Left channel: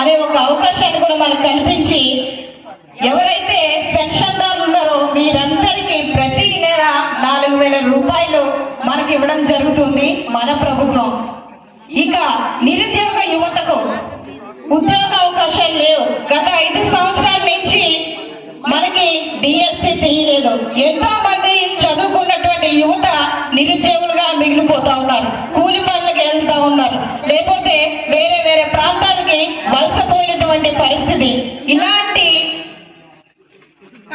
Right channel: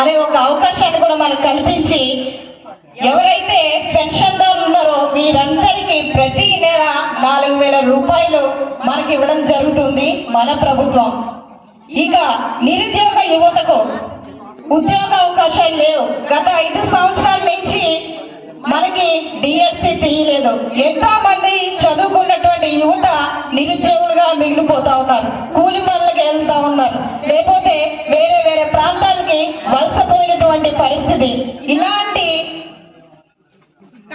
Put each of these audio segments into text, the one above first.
అనే ఒక అవకాశాన్ని కూడా మనకు కల్పించి ఎవరైతే పెన్షన్దారులు ఉన్నారో వీరందరికీ ప్రతి నెల 4,000 రూపాయలు మనకి ఇవ్వడం జరుగుతుంది మన ప్రభుత్వం. ఇక నిరుద్యోగ యువతకు ఉద్యోగ అవకాశాలు లేవు. గత 5 సంవత్సరాల నుంచి మనకి డిఎస్సి తీయలేదు. ఎంతో మంది చదువుకున్నటువంటి యువత నిరుద్యోగులుగా మిగిలిపోతా ఉన్నారు. కూలి పనులకు వెళ్తా ఉన్నారు, లేకపోతే వేరే వేరే ప్రాంతాలకి వలసపోయినటువంటి పరిస్థితి. ఇలాంటి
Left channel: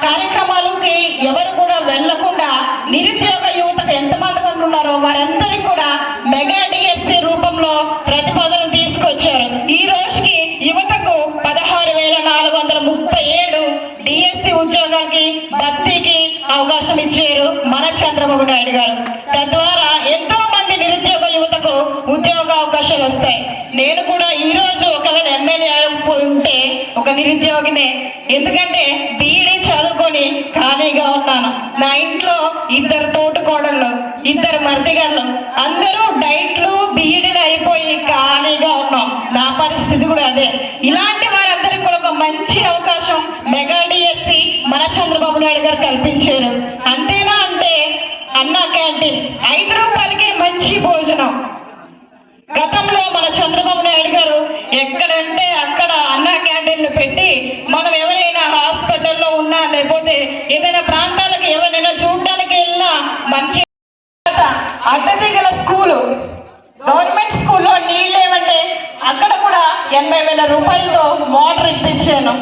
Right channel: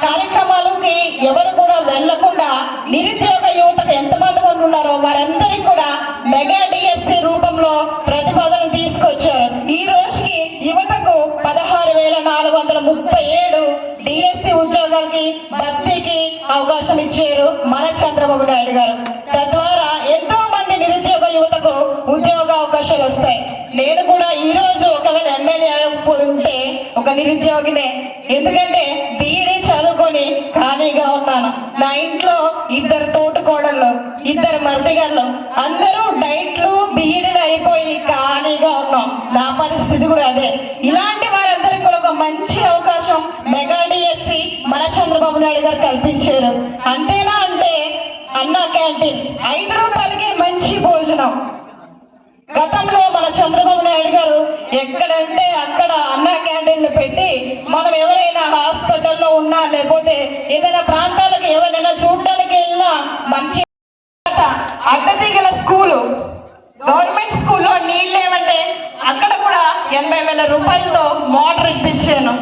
కార్యక్రమాలకి ఎవరు కూడా వెళ్లకుండా నిరుద్యోగ యువతకు ఎంతమంది ఉన్నారో వారందరికీ కూడా మెగా డిఎస్సి రూపంలో ప్రతిపాదన తీసుకొచ్చారు. ఈ రోజుకి యువతకు 16,437 డిఎస్సి ఉద్యోగాలకి భర్తీకి అవకాశం ఇచ్చారు మన చంద్రబాబు నాయుడు గారు. తద్వారా ఎంతో మంది నిరుద్యోగ యువతకు ఉద్యోగ అవకాశాలు వస్తాయి. నేను కూడా ఈ రోజు ఒకవేళ ఎమ్మెల్యే అయిపోయి ఉంటే ఒక నిరుద్యోగినే. ఎందుకంటే బీఈడీ చదువుకొని ఖాళీగా ఉన్నాను. నా ఇంట్లో 2 తోటకోడళ్ళు, 2 మరిదిగాళ్ళు, అందరూ డైట్లు బీఈడీలు అయిపోయి ఖాళీగా ఉన్నాం. నా పరిస్థితి కూడా అదే. ఇలాంటి వారందరికీ కూడా ఒక మంచి అవకాశం మెగా డిఎస్సి మన చంద్రబాబు నాయుడు గారు కల్పించారు. అంతేనా అంటే అన్నా క్యాంటీన్ 5 రూపాయలకే మంచి భోజనం. గతంలో మన చంద్రబాబు నాయుడు గారు ఎక్కడంటే అక్కడ అన్నా క్యాంటీన్లు పెట్టి మనం ఎవరైనా హాస్పిటల్లో ఉన్నా లేకపోతే ఏదైనా ప్రాంతాలకు ఎవరైనా చూడడానికి వెళ్ళినా మంచి అడ్డదిగల స్కూలు, గవర్నమెంట్ స్కూల్లో నీళ్ళు ఏమంటే అక్కడ కూడా 80,000 రూపాయలతో మోటార్ ఇప్పించాను.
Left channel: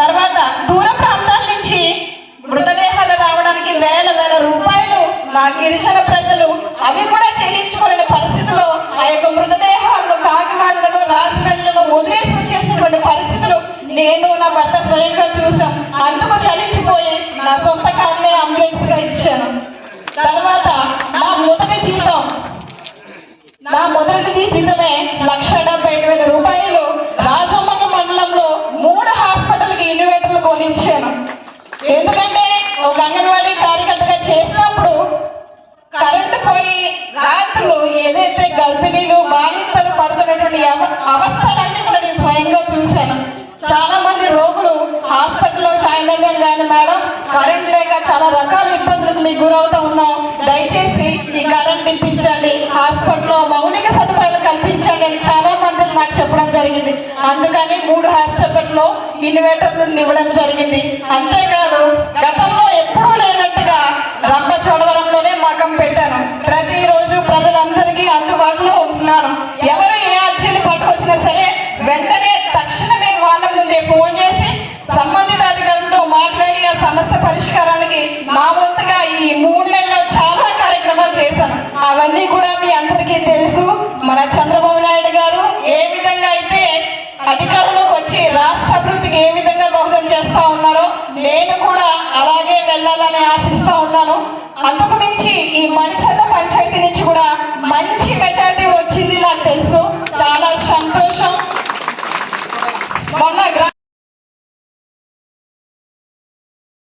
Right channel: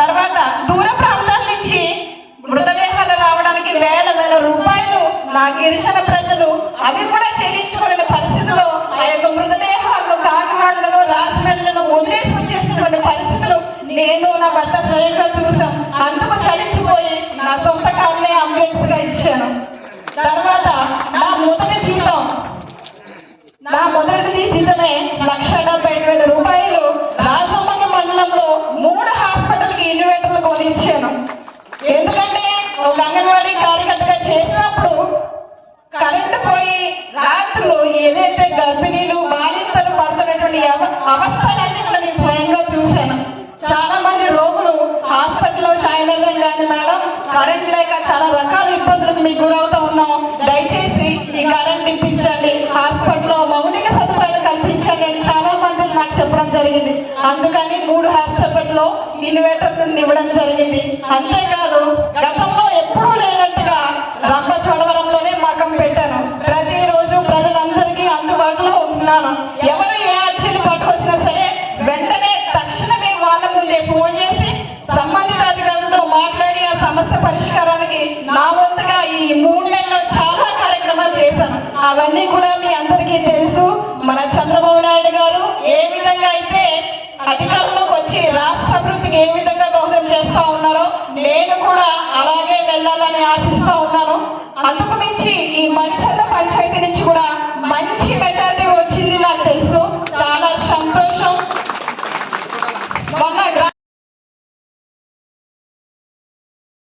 తర్వాత దూర ప్రాంతాల నుంచి మృతదేహాలు రావడానికి వేల రూపాయలు నా గిరిజన ప్రజలు అవి కూడా చెల్లించుకోలేని పరిస్థితుల్లో ఆ యొక్క మృతదేహాలను కాకినాడలో రాజమండ్రిలో వదిలేసి వచ్చేసినటువంటి పరిస్థితులు నేను నా భర్త స్వయంగా చూసాం. అందుకు చలించిపోయి నా సొంత కారునే అంబులెన్స్ గా ఇచ్చాను. తర్వాత నా మొదటి జీతం 1,70,000 రూపాయలు రాజమ్మకి మండలంలో 3 హాస్పిటల్కి ఇన్వర్టర్లు కొనిచ్చాను. ఎందుకంటే ఒక అంగన్వాడీ కార్యకర్తగా చేసినప్పుడు కరెంటు పోయి రాత్రులు ఏదైతే గర్భిణీలు బాలింతలు పడుతున్నటువంటి అవస్థలన్నీ కూడా నేను స్వయంగా చూశాను. చాలా మంది రోగులు హాస్పిటల్లో జాయిన్ అయ్యారు కానీ మేడం కరెంట్ లేక చాలా రకాల ఇబ్బందులకు మీకు గురవుతూ ఉన్నాం. దయచేసి ఈ కరెంట్ ఇప్పించండి, హాస్పిటల్లో మౌలిక సదుపాయాలు కల్పించండి అని చాలా మంది నాకు చెప్పడం జరిగింది. అందుకని 3 హాస్పిటల్లో ఇన్వర్టర్లు ఇవ్వడం జరిగింది. అంతేకాదు గతంలో ఎప్పుడూ లేనట్టుగా రంపచోడవరంలోనే మకం పెట్టాను. ప్రతిరోజు ప్రజలందరికీ అందుబాటులో ఉంటున్నాను. ఎవరు ఏ అర్జీలు పట్టుకొచ్చినా సరే వెంటనే తక్షణమే వాళ్ళ ముందే ఫోన్ చేసి సంబంధిత అధికారులతో మాట్లాడి ఆ సమస్య పరిష్కారానికి నా వంతుగా ఈ 3 నెలల్లో చాలా కార్యక్రమాలు చేశాను. అవన్నీ కూడా మీ అందరికీ తెలుసు. మన చంద్రబాబు నాయుడు గారు ఏ విధంగా అయితే అధికారంలోకి వచ్చి రాష్ట్ర అభివృద్ధికి ఏ విధంగా దోహదం చేస్తా ఉన్నారో నేను కూడా అలాగే వెళ్ళాలని ఆశిస్తా ఉన్నాను. అందుకు మించి ఈ మంచల పంచాయతీ నుంచి కూడా మంచి